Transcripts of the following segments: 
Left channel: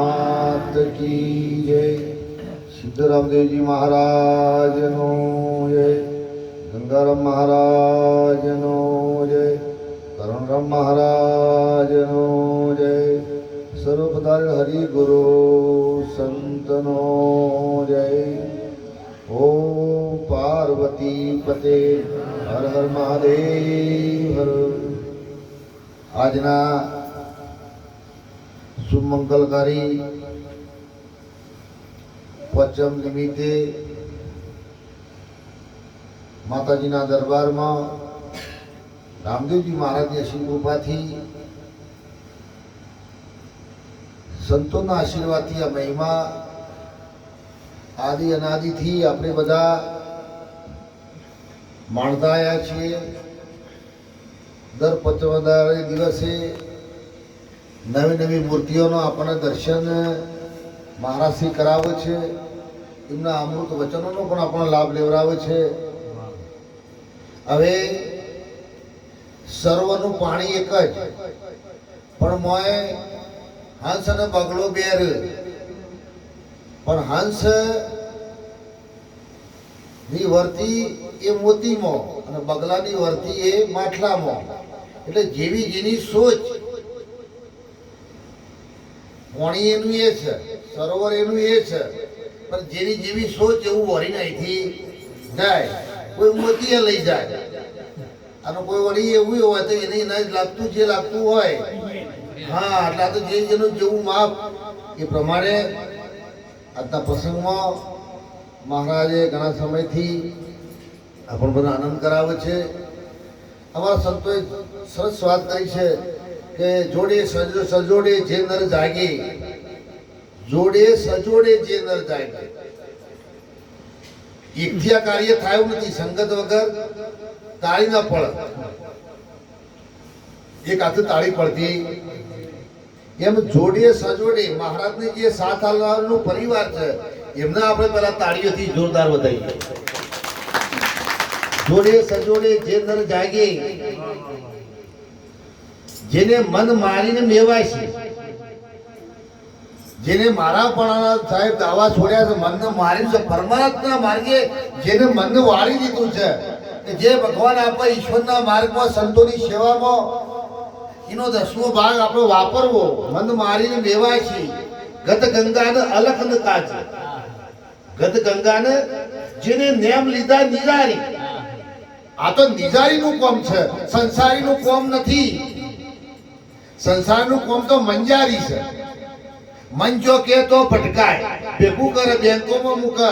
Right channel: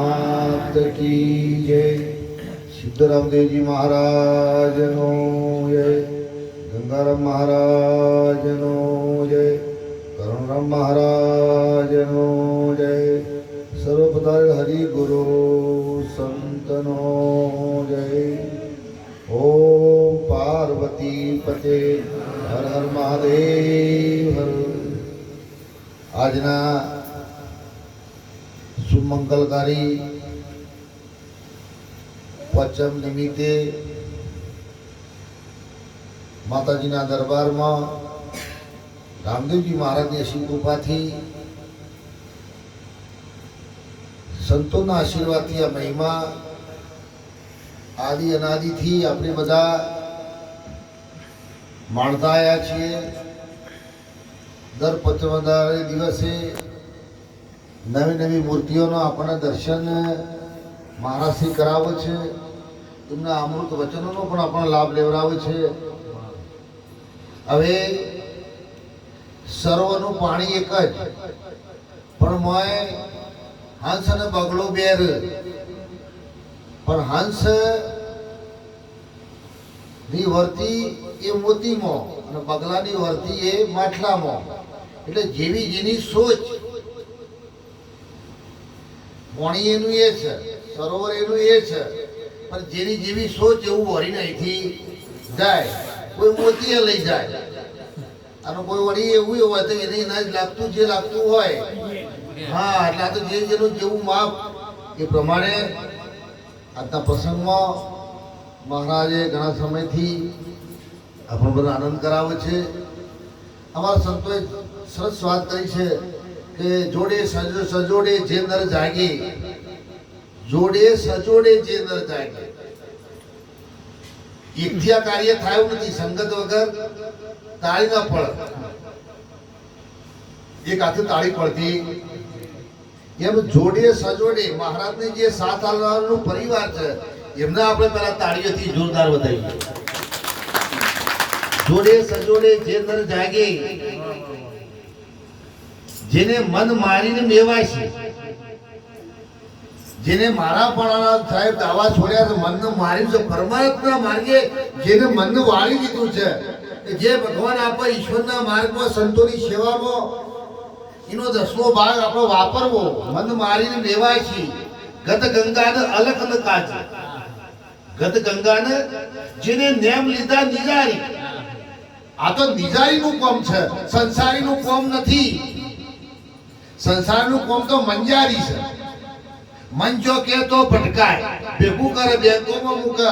मात की जय। सिद्धरामदेव जी महाराज नो जय। गंगाराम महाराज नो जय। करुणराम महाराज नो जय। सर्वपदार हरि गुरु संत नो जय। ओम पार्वती पते हर हर महादेव हर। आजना सुमंगलकारी पचम निमित्ते माताजीना दरबार में रामदेवजी महाराज ने श्री कृपा थी संतों आशीर्वाद थी आ महिमा आदि अनादि थी अपने बधा माणता आया छे। दर 55 दिवसे नवी नवी मूर्तिओं अपने दर्शन महाराज श्री करावे छे। एमना अमृत वचनों पण आपणे लाभ लेवरावे छे। हवे सर्वનું पाणी एक ज पण मोय हंस अने बगलो बेर पण हंस नी वर्ती ए मोती मो अने बगला नी वर्ती ए माठला मो। એટલે જેવી જેની સોચ પાણી એનું એ છે, સરોવર એનું એ છે, પણ જેની જેવી સોચ એવું વળીને અહીંથી જાય। કોઈ મોતીએ લઈ જાય અને કોઈ વળી એવું હોય તો એને એના જ લાગતું જે લાગતું હોય। હા, એટલે તો જે જેનું જેવું માપ એ પ્રમાણે આજના પ્રસંગમાં મહારાજે ઘણા સમયથી આપણને બધા આનંદ કરાવે છે। અમારા સંતોએ સરસ વાત કરી છે કે જોડે સજોડે જે નર જાગે, જોડે સજોડે જે નર જાગે। એકથી આ કાર્ય થયું નથી, સંગત વગર તાળી ના પડે। એક હાથે તાળી પડતી એમ જોડે સજોડે મહારાજને જે સાથ આલવાનું પરિવાર છે એમને આપણે પહેલા તાળીઓથી જોરદાર વધાવીએ। જોડે સજોડે જે નર જાગે, જેને મન મારીને મેવાય છે, જેને મારા પણ સાહેબ દાવા છોડ્યા છે, મનને મારીને પરમાત્માના માર્ગે જેને મનને વાળી દીધું છે, જે ભગવાન આપે ઈશ્વરના માર્ગમાં સંતોની સેવામાં એનો 10મો ભાગ આપણો વાપરવો। મન મારીને મેવાય છે ગત ગંગાને અલખ ન કાજે। ગત ગંગાને જેને નેમ લીધા નિજારી। આ તો નિજારીનું કોમ છે, સંસારીનું કોમ નથી। સંસારનું કોમ તો મંજારી છે। મન જો કે તો ભટકાય, ભેગું કરે બેંકોમાં મૂકે,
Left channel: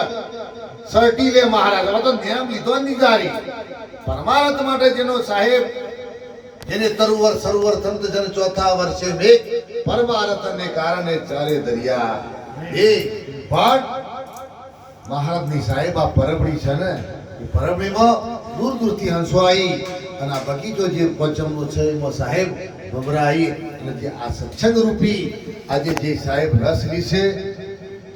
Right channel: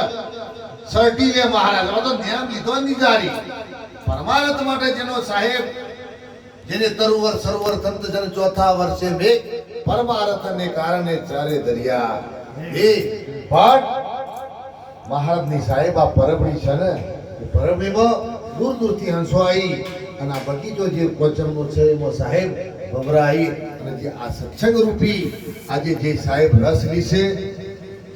સર્ટી લે મહારાજ। આ તો નેમ લીધો નિજારી। પરમાર્થ માટે જેનો સાહેબ જેને તરુવર સરોવર તંત જન ચોથા વર્ષે મેઘ પરમાર્થ ને કારણે ચારે દરિયા। એ પણ મહારાજની સાહેબ આ પરબડી છે ને, એ પરબડીમાં દૂર દૂરથી હંસો આવી અને આ બગીચો જે પચમનો છે એમાં સાહેબ ભમરા આવી અને જે આ સત્સંગ રૂપી આજે જે સાહેબ રસ લીશે।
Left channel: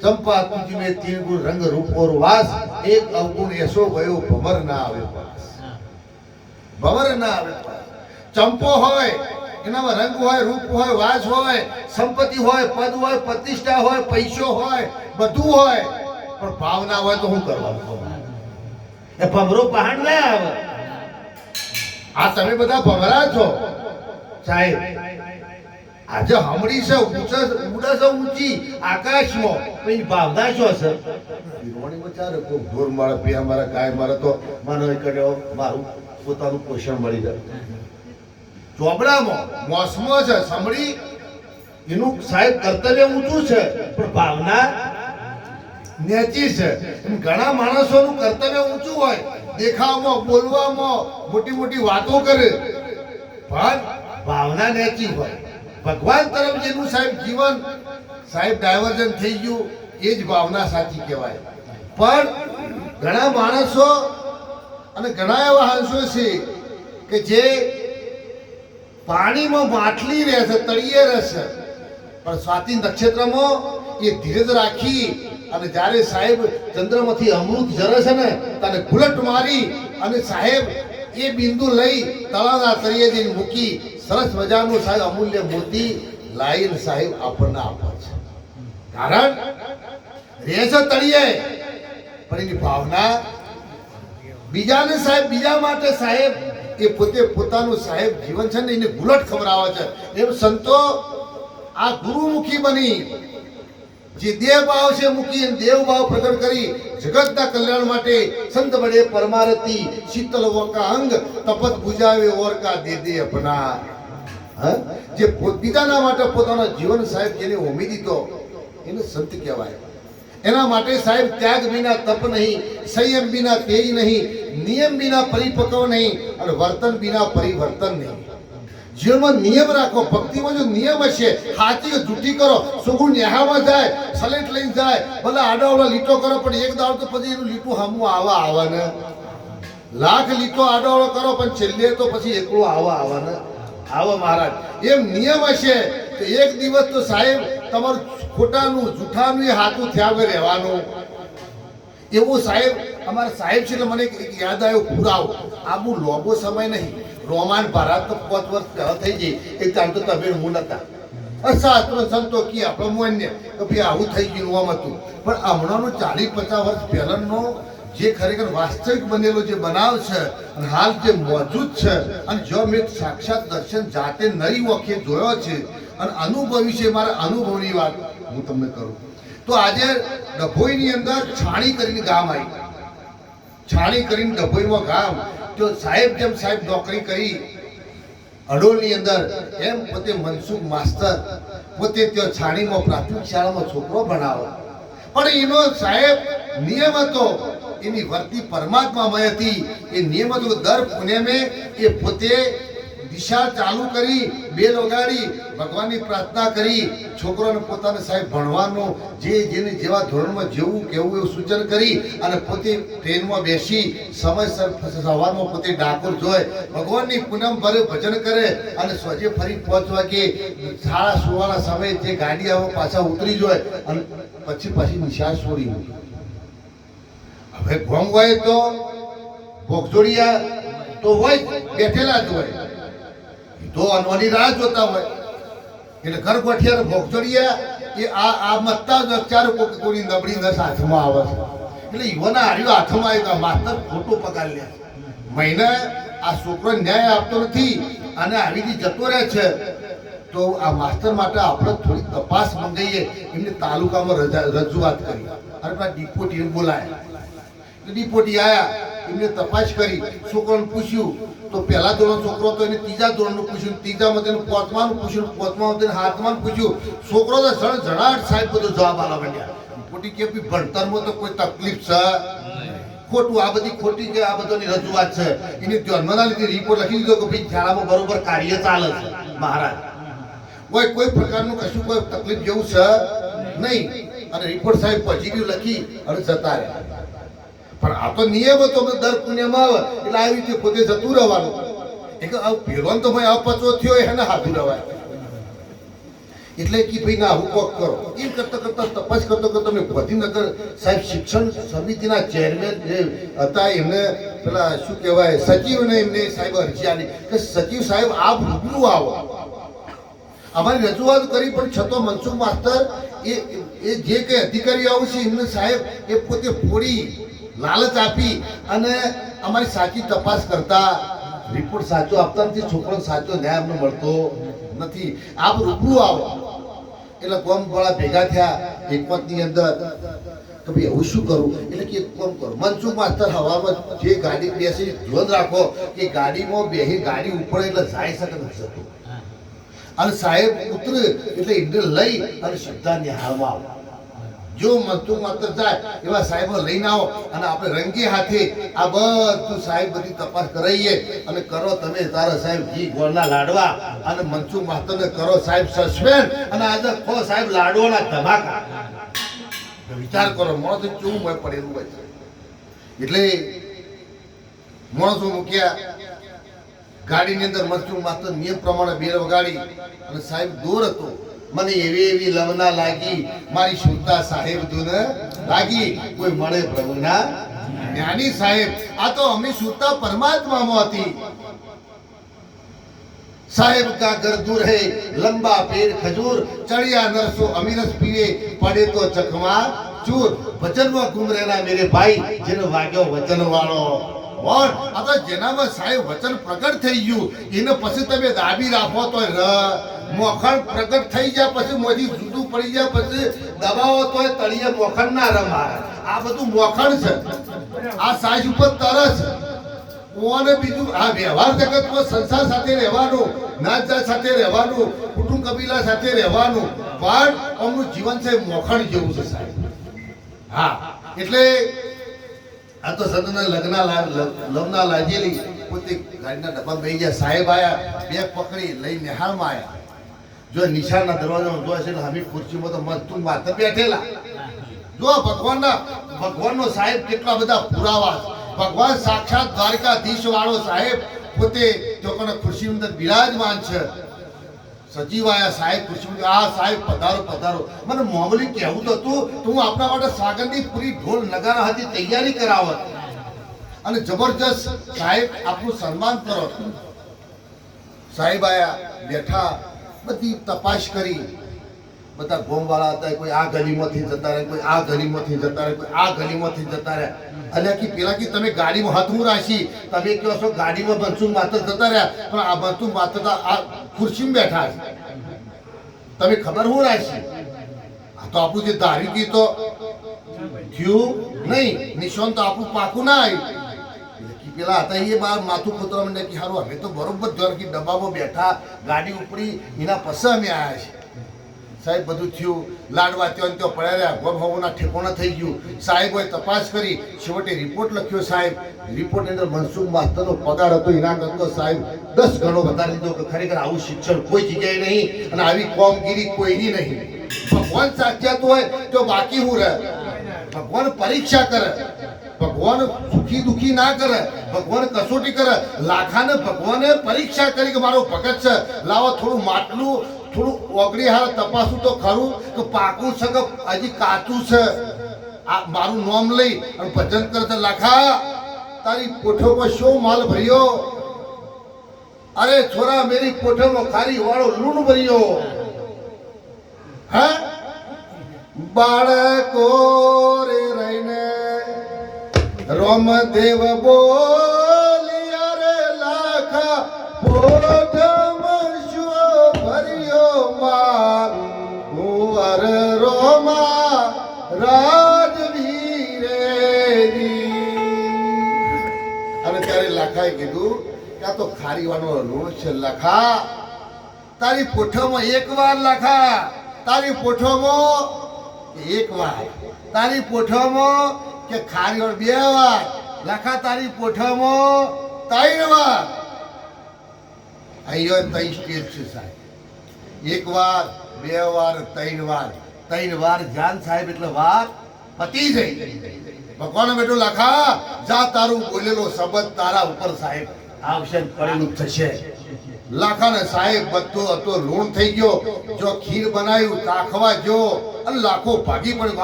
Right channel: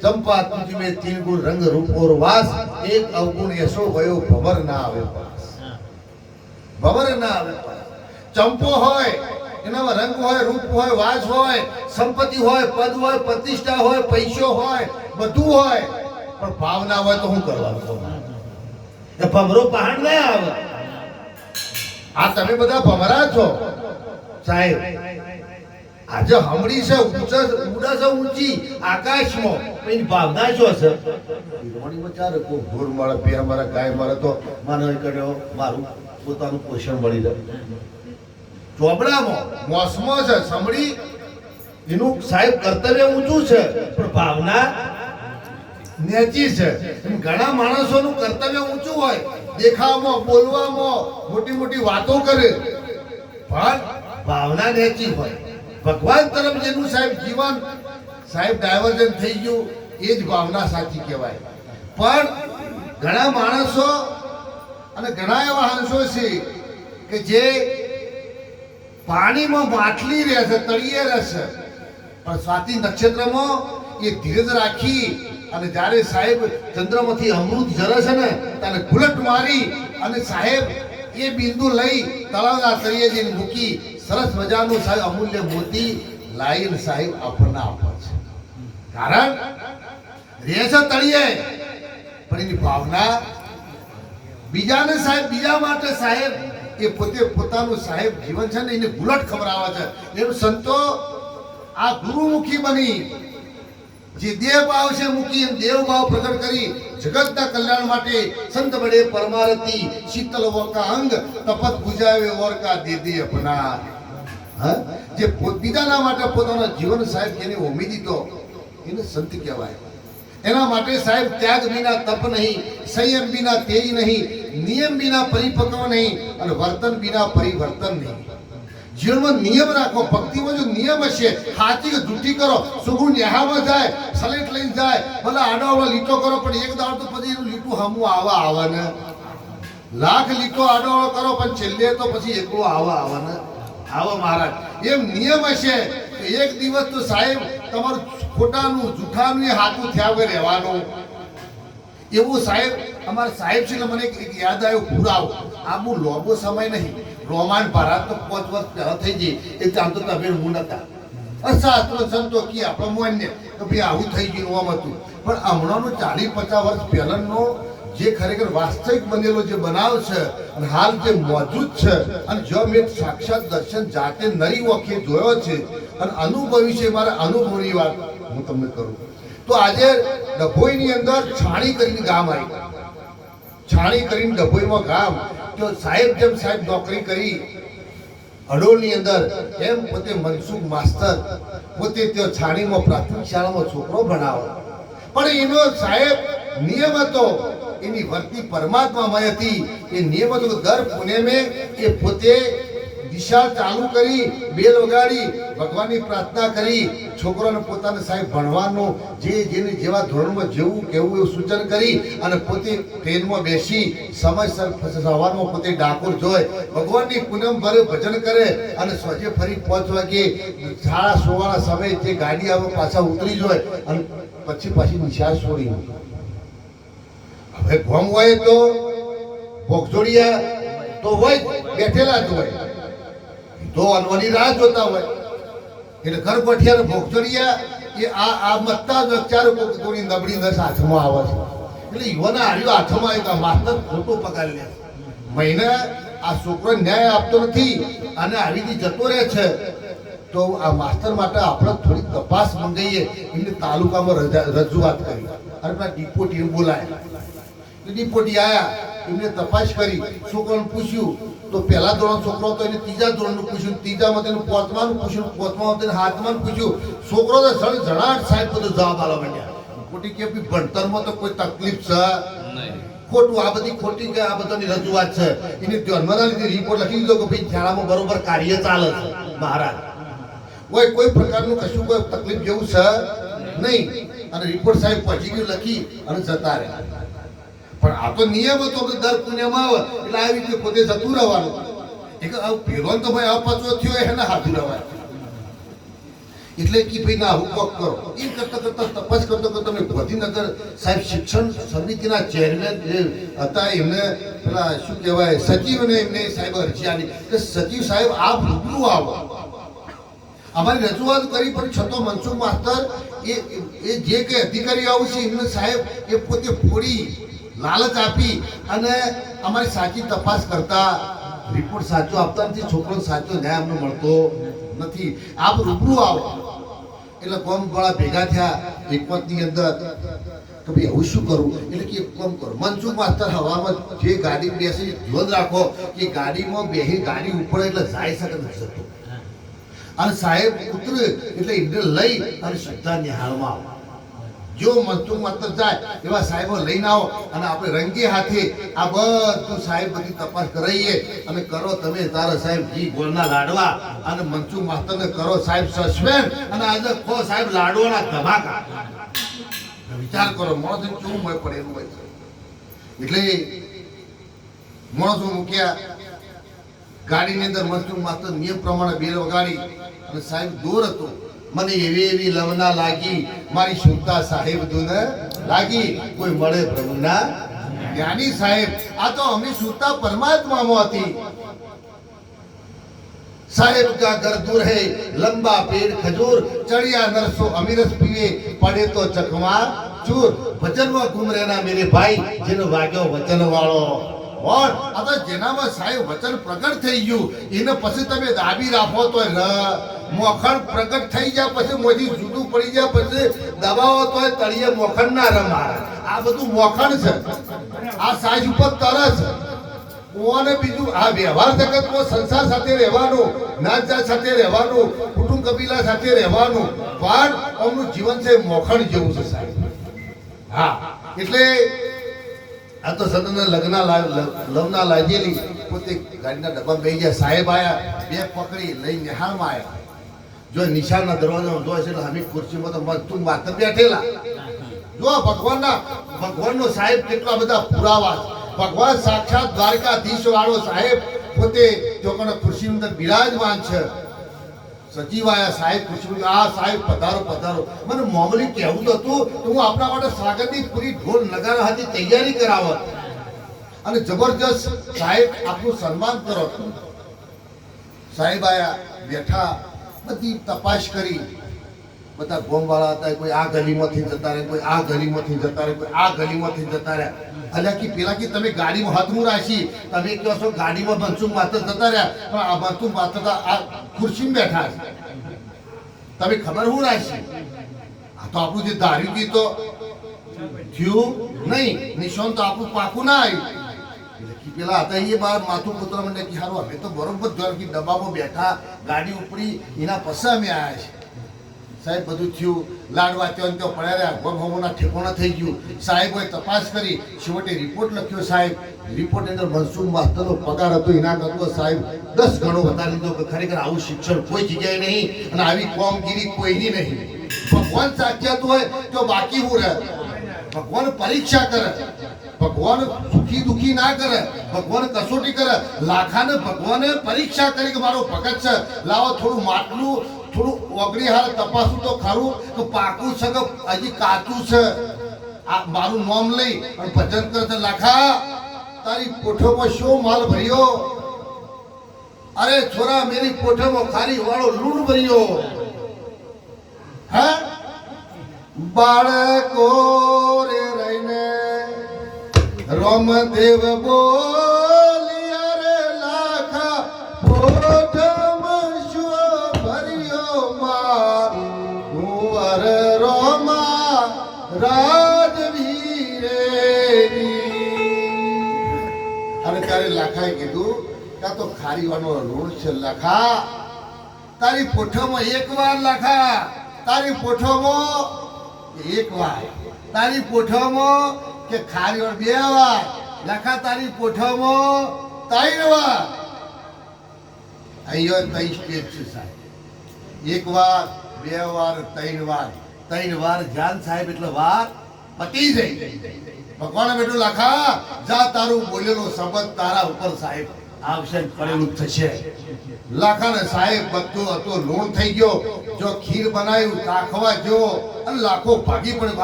ચંપા તુજ में 3 गुण रंग रूप और वास, एक अवगुण ऐसो भयो भमर ना आवे पास। भमर ना आवे पास। चंपो होय एनामां रंग होय, रूप होय, वास होय, संपत्ति होय, पद होय, प्रतिष्ठा होय, पैसो होय, બધું होय, પણ ભાવ ના હોય તો શું કરવાનું? એ ભમરો પહાડ ના આવે। આ તમે બધા ભમરા છો સાહેબ। આજે હમણી છે ઉડા છે ઊંચી આકાશમાં, એની ભાવના શું છે? હિરોણીમાં ચાલે કોઈ ઢોર મળે, પેલા મારા ગાય મળે તો માનો કર્યો મારું પોતાનું પોષણ મળી રહે। ચોબડામાં મોસમો છે સમડી એનું સાહેબ કર્તવ્ય ઊંચું છે પણ ભાવના નેચી છે। એમ ઘણા માણસોનું કર્તવ્ય ઊંચું હોય, દેખાવમાં બોલવામાં મોટી મોટી વાતો કરે પણ ભાવના નેચી હોય। ભગવાન તરફ જેનું સાહેબ જીવન સાહેબ ડાયવર્જન થઈ ગયું એ જ ભાવના સાચી કહેવાય। પણ ઘણા માણસો અને ઘણા એવા હંસો છે કે જે પાણીમાં માછલી રહેશે, તળિયે રહેશે, પણ સ્વાતિ નક્ષત્રમાં એ ધીરજ રાખી અને જ્યારે સાહેબ ચંદ્રમાંથી અમૃત ઝરે છે ને ત્યારે ગુલટ મારી અને સાહેબ એ બિંદુ લઈ તળાવના તળિયે જઈને મૂકી સરસ મજાનું સાહેબ અમૂલ્ય મોતી લાઈન સાહેબ આપણને આપે છે। કારણ રહે છે તળિયે, પણ એની ભાવના બીજાને સાહેબ, બીજા માટે સાહેબ એ પોતે પોતાનું સાહેબ જીવન છે ને એને ગુલટ ખબરાવે છે. એમ સંતો આ ગુરુમુખી બની જે દેવ ભાવ છે મૂકી દેવ ભાવ પ્રગટ કરી જગતના કલ્યાણ માટે સંત બડે પરમારતી શીતલ વોકા અંગ તપત બુજાવે ઓર કા દે દે અપના. જે બીજાના માટે પોતાનો જીવન સાહેબ જેને હોમી દીધો એને સંત કહેવાય. એના માટે સાહેબ ત્યાગ વિના તપ નહીં, સંયમ વિના તેજ નહીં, નિયમ વિના પરિપક્વ નહીં અને વર્તન વિના પરિવર્તન નહીં. જીવનમાં નિયમ રાખો. ભક્તિમાં જો નિયમ હશે, હાથી કે જૂઠી કરો, સુગુણ નેહામાં જાય, સલેટ લઈને જાય, ભલે આડો આવડો લીટો કરો, પણ એક દાડ તો પછી એનું લીટું હમું આવે ને. લાખ લીટો આડો આવડો કરો પણ છેલ્લે તો પછી એકલું આવે ને. આવો મહારાજ એમ નિયમ હશે તો એક દિવસ તો સાહેબ તમારું ખોટાનું જૂઠાનું એ હાથું થયા વગર રહેવાનું. એવું સાહેબ અમારા સાહેબ છે એટલે મને એક યાદ આવ્યો પુરાવો. આ બહુ લોબો સમય નહીં, રોમાન ભારત તો 5 વર્ષ પહેલા થઈ ગઈ. એક ચામ તો તમે હું નતા શાસ્ત્રો સંતો કી આપણે મોન્ય તો ભાઈ આવું થઈ ગયું આમ હતું. પણ હમણાંનું 40-50 વર્ષ પહેલાંનો જે ખરેખર વાસ્તવિક બનેલો જે બનાવ છે અને હાલ જે મોજૂદ છે અને જો મેં સાક્ષાત દર્શન જાતે નરી વખતે જોયો છે અને અનુભવી છે, મારા અનુભવની વાત હું તમને કરું તો આજે ડભોઈની અંદર છાણી કરીને ગામ આવી. છાણી કરીને ડભોઈમાં ગામ તો સાહેબ જેમ સાહેબ નોકરી કરી અડોલની અંદર એમ પોતે મનસુખ માસ્તર પોતે ત્યાં છાણીમાં પ્રાથમિક શાળામાં છોકરો ભણાવો. પણ એનો સાહેબ નિયમ હતો, એની વર્તી પરમાત્મામય હતી. એ નિયમ હતો કે દર પુણ્યમે એ પોતે દિશા ચાલુ કરી, બેલ વગાડી, ભગવાનની પ્રાર્થના કરી, છોકરોને પોતાને સાહેબ ભણવાનું જેને જેવા ધોરણમાં જેવું કેવું એવું સૂચન કરી અને પોતે ટ્રેનમાં બેસી સમયસર સવારમાં પોતે ડાકોર જોઈ ભગવાનની પૂનમ ભરે ભજન કરે અને સ્વજે ફરી 5 વાગે શાળા સોવાના સમયે જે ગાડી આવે પાછા ઉતરી જોય અને પછી નિશાળ છોડી. હવે ગોમ હોય તો ભોગજોડિયા તો હોય બેઠેલા જ હોય તો અનવાની રાહ જોતા હોય એટલે ઘર ગોઠિયા ભોગજોડિયા એ આ મત્તા ચાર કોની નબળી નસ હાથમાં આવે છે. એટલે યુવાના હાર્યું હાથમાં આવ્યું માસ્તર ખોટો પગાર લે મહિના આ છોકરો ન્યાય આપતો નથી અને આવી રીતે જતો રહે છે. તો આ માસ્તર માટે આપણે થોડી તપાસ મંગાવીએ. એમને તાલુકામાં રજૂઆત કરી અને પેલા ડિપોટી બોલાય. ડિપોટી આવ્યા, એમને તપાસ કરી, છોકરાને પૂછ્યું તો પહેલા ધોરણ છોકરો હતો એને 3જા ધોરણનું પૂછ્યું, 3જામાં તેને 5માનું પૂછ્યું, 5મામાં તેને 7માનું પૂછ્યું. છોકરો તો જણાટ સાહેબ બધો જવાબ આલવા માંડ્યા. ડિપોટી કે ભણતરમાં તો કોઈ તકલીફ છે ખોટું, આ બધી ખોટી કે આ બધાની રજૂઆત છે. એને ધ્યાનમાં ના લીધી રિપોર્ટ લખી દીધો કે ભાઈ શાળામાં બરોબર કાર્ય ચાલે છે મહારાજ, કોઈ પ્રકારનું કશું કોઈ તકલીફ જેવું છે નહીં. અને રિપોર્ટ સાહેબ પોઝિટિવ લખી અને જતા રહ્યા. પણ આ તો નિયમ હતો કે દર પુણ્યમાં આવે એટલે આવી રીતે પોતે જતું રહેવાનું. એટલે ફેરવાનું તો ભાઈ અપચો થયો એને હાથું રહેવાય. એટલે કે ભાઈ ના હું કોક કરો એમ કરતા તપાસ કરતો મેં ગાંધીનગર સાહેબ શિક્ષણ સમિતિના ચેરમેન જે હતા એમને પેલા શું કહેવાય સચિવને એમને સાહેબ અરજી આપી કે સચિવ સાહેબ આપ રૂબરૂ આવો. અમારી રજૂઆત કરી પણ છતો મનસુખ માસ્તર એ જે કંઈ અધિકારીઓ આવશે એમને સાહેબ એ પોતે ફોડી લાલચ આપી અને અમારી સાચી તપાસ કરતા રિપોર્ટ સાચો આપતા નથી. છોકરો સાચો ન્યાય અમને મળતો નથી. આપ રૂબરૂ આવો. એટલે કોમ ગોળા ભેગા થયા એકમતની અંદર કે ભાઈ એવું શું કરું. એટલે કે કોમ કરો મનસુખ માસ્તર હવામાં જે ગાડી બેસી ધ્યાન રાખો કે ગાડીમાં બેસી ગાડી ઉપડે એટલે જાય શકે નથી જતો. અને સાહેબ ઉતરે એટલે એમને લઈ અને સીધા નિહાળમાં આવો. જો મનસુખ માસ્તર જાય એવા સાહેબો લઈને આવો અને આપણે રંગી હાથે આ બધું સાહેબ બધી તપાસ કરાવીએ અને કરો તમે તારા સાહેબ ઘી ગોળના લાડવા અને મનસુખ માસ્તરને કરો સાહેબ સસ્પેન્ડ અને આજે ખો સાહેબ લાડવાના ધમાકા. વિચાર કરો માણસો કેવું મળે પડેલું હોય છે. એટલે માણસો મૂક્યા ગાડીની અંદર મનસુખ માસ્તર નિયમ પ્રમાણે બેલ વગાડી અને સાહેબ દોર હતો. મને એવી લવના લાગી મારી સુરતા સાહેબ દુને લાગી કોઈ મળે પ્રભુના જ્ઞાની સાહેબ. આ તો અમે સુરતા પરમાત્મામાં હતી. साहेब का घर दूर है लंबा पेड़ खजूर चढ़िया नरसो अमीरस पीए पड़े तो चकमा चूर वचन में घूम रहना मेरे भाई जिन वाग्यो वचन वाળો और આ તો જેનામાં સાહેબ વચન પ્રગટ થઈ ગયું એને પછી તમે દાબી રાખો તો મોખણ પ્રગટ થઈ જાય પછી મોજી જુદું પડી જાય પછી દબાવો તો તળિયે મોખણ ના રમારે આ બધું મોખણ છે આ સાઈઝ ઉપર તરસ કોને બીજું આ વ્યવહાર જગતમાં સંસાર સાથે રહેવાનું નાત જાત સાથે રહેવાનું કુટુંબ કબીલા સાથે રહેવાનું પણ અમનું જીવન છે મોખણ જેવું છે સાહેબ હા એટલે આ તો સદના લગ્ન લાગેલી પોતે ગાડીના ડબ્બા બેસી ગયા સાહેબ આયા બેગ પકડી લઈ નિહાળમાં આયા જો નિશાળના દરવાજામાં જોયે છે ને અમે ખુરશીમાં તો મસ્તું માથે બેઠેલા જો ભગવાનનો સાહેબ કેટલા બધા પુરાવા ભગવાન સાક્ષાત દ્વારકાધીશ વાળો સાહેબ પોતે ચોકના ખુરશીની અંદર બિરાજમાન છે સજીવ આયા સાહેબ ખુરશી આ સાહેબ પધારો પધારો મને મામૂલી કહેવું તો હતું તો હું આપણા માટે સ્વાગતની પૂરી ઢોલ નગારા હતી તૈયારી કરાવત અને જબરજસ્ત સાહેબ આપનું સન્માન કરો સાહેબ આયા બેઠા બધી તપાસ કરી બધા ગોમવાળા હતા કોઈ આ ગલીમાંથી જતા રહે કોઈ આ ગલીમાંથી જતા રહે કોઈ આ ગલીમાંથી જતા રહ્યા અલ્યા કે પેલા કે તમે ગાડીમાં હાથમાં રાખી તમે કહો છો ગાડીમાં બનસું માત્ર જતા રહ્યા પણ આ બનસું માત્ર આ ખુરશીમાં બેઠા છે તમે ખબર હું રાખી આ તો આપણું જે ધાર્યું હતું તો થયું નહીં નિશાન તો આપણું પાકું ના આવ્યું પેલા હતા એ માથું પુતરા મને કે સારું અમે તો બરોબર કે ડબ્બામાં બેઠા ગાડી ઉપડી એના પછી અમે આવ્યા છીએ સાહેબ બધું થયું લાડવા ત્યાં તો પડ્યા રહ્યા ગોમ હોવાના ઠેકોણા થઈ ગયું સાહેબોએ તપાસ કરી છેવટે રિપોર્ટ લખ્યો સાહેબ રિપોર્ટ અંદર મનસુખ માસ્તરનો પગાર હતો એના કરતો સાહેબ 10 ગણો વધારી દીધો કે ખરેખર આવું શિક્ષણ કોઈ જગ્યાએ નહીં અને આવી કોમગીરી કોઈની નહીં ભગવાન સાક્ષાત હોય તો બાકી હું રહે ભગવાન પરીક્ષા કરે ભગવાન સુખી દુખી ના કરે ભગવાન કસોટી કરે લાખાને ભગવાને પરીક્ષા કરી કે મારો ભગત છે લાવો થોડું માટલું થોડું ઓગળી હાલ તપાસું તો ખરું કે પાકું છે કે હજી કાચું છે આ મારું નામ લઈ અને ભજન કરે લાખા તારી પોઠોમાં શો માલ ભર્યો અરે છોરા મેરી પોઠોમાં ખારી વાળો લૂણ ભર્યો હે બાળકો રે રહીને રોમદેવ બોલિયા રે લાખા પોઠમાં શો ભર્યો માર કુંવર રોમા રાજવીરેરી અને ત્યારે લાખાએ કીધું ત્યાં તો ખારીવાનો લૂણ છે લાખા તારી પોઠોમાં એક વાર લાખા તારી પોઠોમાં એક વાર તારી પોઠોમાં કે ખારી વાર 2 વાર લખા તારી પોઠોમાં 3 વાર અહીંયા 3 સ્ટેજ છે સાહેબ 1 વાર 2 વાર 3 વાર 3 વાર જાન સાહેબ એટલે વાર પતી જાય ભગવાને બેઠું લખા જા તારું બોલેલો શબ્દ તારા ઉપર સાહેબ આવશે પડેલું થશે લાખાને સાહેબ બધો હતો લૂણ થઈ ગયો જો ખીર બનાવ્યું ચાખવા જો અને લાખો ભાગી પણ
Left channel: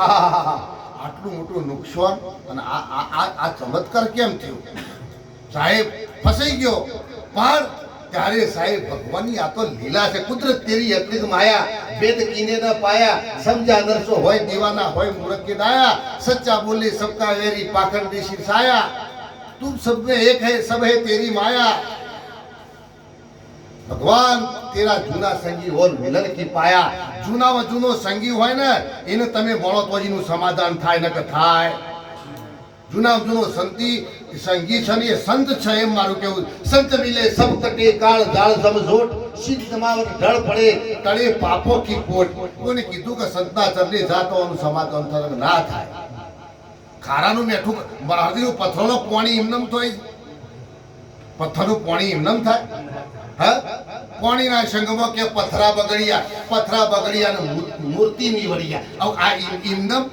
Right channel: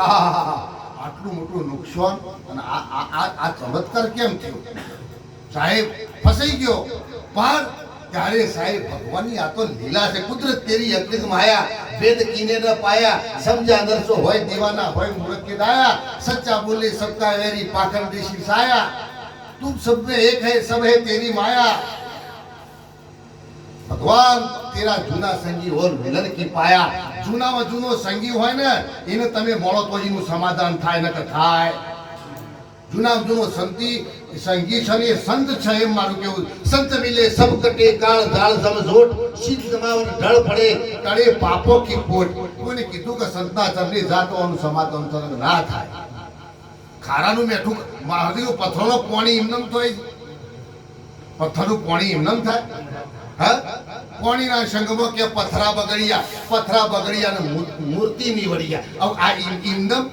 આટલું મોટું નુકસાન અને આ ચમત્કાર કેમ થયો સાહેબ ફસાઈ ગયો પણ ત્યારે સાહેબ ભગવાનની આ તો લીલા છે કુદરત તેરી અકૃત માયા વેદ કીને ન પાયા સમજા નરસો હોય દીવાના હોય મૂર્ખ કે ડાયા સચ્ચા બોલે સબકા વેરી પાખંડી શિર સાયા તું सब में एक है सब है तेरी माया ભગવાન તેરા જૂના સંગી ઓર મિલન કી પાયા જૂનામાં જૂનો સંગી હોય ને એને તમે મળો તો એનું સમાધાન થાય ન કે થાય જૂનામાં જૂનો સંગી છે ને એ સંત છે એમ મારું કેવું સંત મિલે સબ કટે કાળ જાળ સમઝોટ શીત સમાવટ ઢળ પડે તળે પાપો કી પોટ કોને કીધું કે સંતના ચરણે જાતોનું સમાધાન ના થાય ખારાનું મેઠું મહાદેવ પથ્થરનો પાણી એમનેમ થાય પથ્થરનું પાણી એમનેમ થાય હા પાણીના સંગમાં કે પથરા બગડિયા ને મૂર્તિ નીવડિયા આ એમનેમ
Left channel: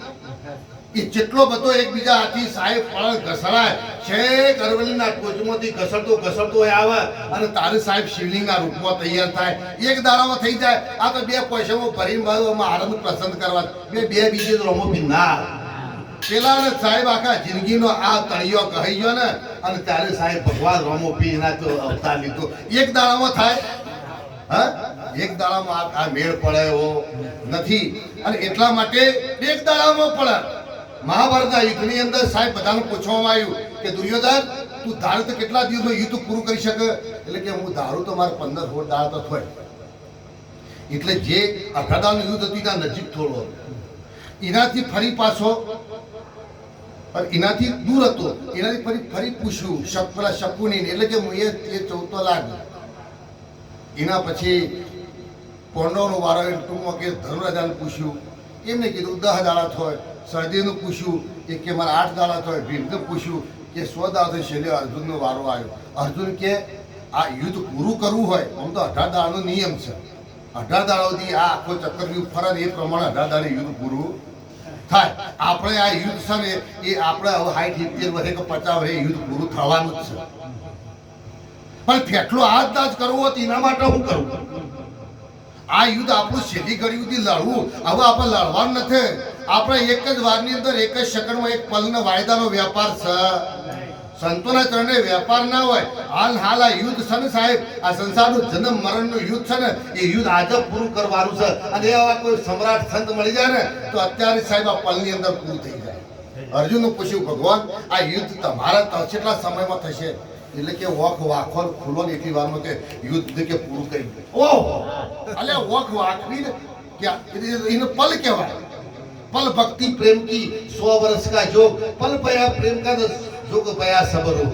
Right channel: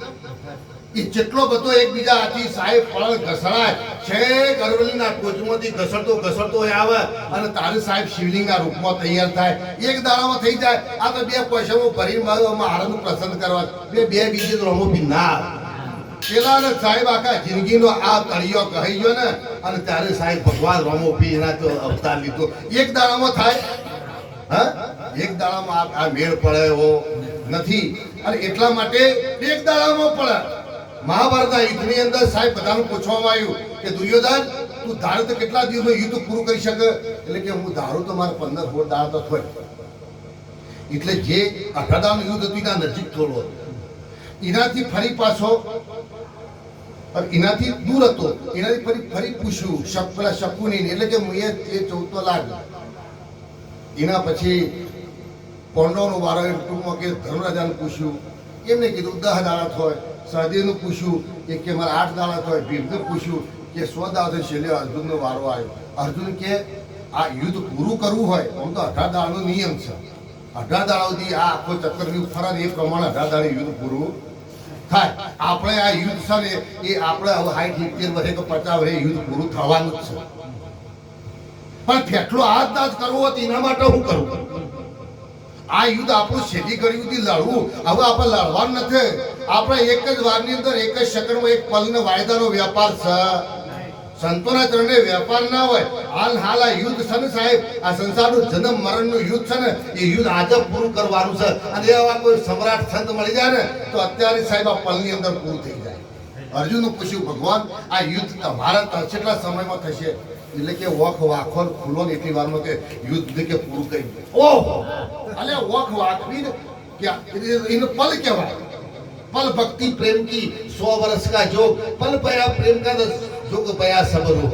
એ જેટલો બધો એકબીજા હાથી સાહેબ ફળ ઘસડાય છે અરવલ્લીના ટોચમાંથી ઘસડતો આવે અને તારે સાહેબ શિવલિંગના રૂપમાં તૈયાર થાય એક દાડામાં થઈ જાય આ તો 2 પૈસામાં ભરી મારવામાં આનંદ પ્રસન્ન કરવા બે બીજે રમો બી ના પેલા ને સાહેબ આખા જિંદગીનો આ તળિયો કહી ગયો ને અને ત્યારે સાહેબ ભગવાન રોમો પી એના તો અવતાર લીધો એક દાડામાં થાય હા, એક દાડામાં આ મેળ પડે એવો નથી. અને એટલા માટે એક દાડામાં પડે. મહાભારતના યુદ્ધની અંદર સાહેબ બધાને પૂછવામાં આવ્યું કે દુર્યોધન તું ધારું તો કેટલા દિવસમાં યુદ્ધ પૂરું કરી શકે? એટલે કે હું ધારું તો મારે 15-16 દાડા તો થાય. એટલે જે 18 દાડાનું યુદ્ધ હતું એના નજીક થોડો એનાથી ફરી પાછો એનાથી દૂર હતો. એનાથી ફરી પૂછ્યું પેલા શકુની, એટલે કે હું એ 14 લાખ. એના પછી પાંડવનો વારો ટૂંકમાં કે ધર્મરાજાને પૂછ્યું, એમને કીધું 10 દાડા થાય. સહદેવનું પૂછ્યું કે મારે 8 દાડા થાય. ભીમને પૂછ્યું કે 100 દાડા થાય. છેલ્લે અર્જુનનો વારો આવ્યો. અર્જુન કે આ યુદ્ધ પૂરું કરવું હોય આમ તો 18 દાડાનો નિયમ છે. 18 દાડા સુધી આ આખો ચક્રવ્યૂહ ફરે ને એ પ્રમાણે 18 દાડે યુદ્ધ પૂરું થાય. આપણે આ યુદ્ધ છે ને એ આપણે હવે 60-70 વર્ષે કે 50 વર્ષે યુદ્ધ પૂરું થવાનું જ છે. પણ ફેટલો હાથ દાજ કરવો હતો એના માટે હું કરું? આ યુદ્ધ આપણું છેલ્લી ઘડી સુધી લડવું. હવે આપણે લડવાનું નથી. આપણે એક જ વારની અંદર એક જ સેકન્ડમાં એક પલનો વાયદાનો વેપાર છે. સંતોના ચરણે વેપાર ના હોય. હાલ આ યુદ્ધ છે ને સાહેબ, આ સંસારનું જન્મ મરણનું યુદ્ધ છે ને એ યુદ્ધ આજે પૂરું કરવાનું છે. અને એવા કોઈ સમ્રાટ સંત મળી જાય ને તો અત્યારે સાહેબ આ પલની અંદર પૂરું થઈ જાય. અર્જુનનું પૂછ્યું ભગવાન આ યુદ્ધ તમારા કેટલા સમયમાં થશે? એટલે કે વખ વાખો ખુલ્લો ને એટલી વારમાં કે યુદ્ધ કે પૂરું કરી દે. ઓહો, અલે વખ વાખવી ને એને પલ કહેવાય. पल भक्ति प्रेम की 100 वर्ष का जोग, पल पया प्रेम का जोग पया सबर हो.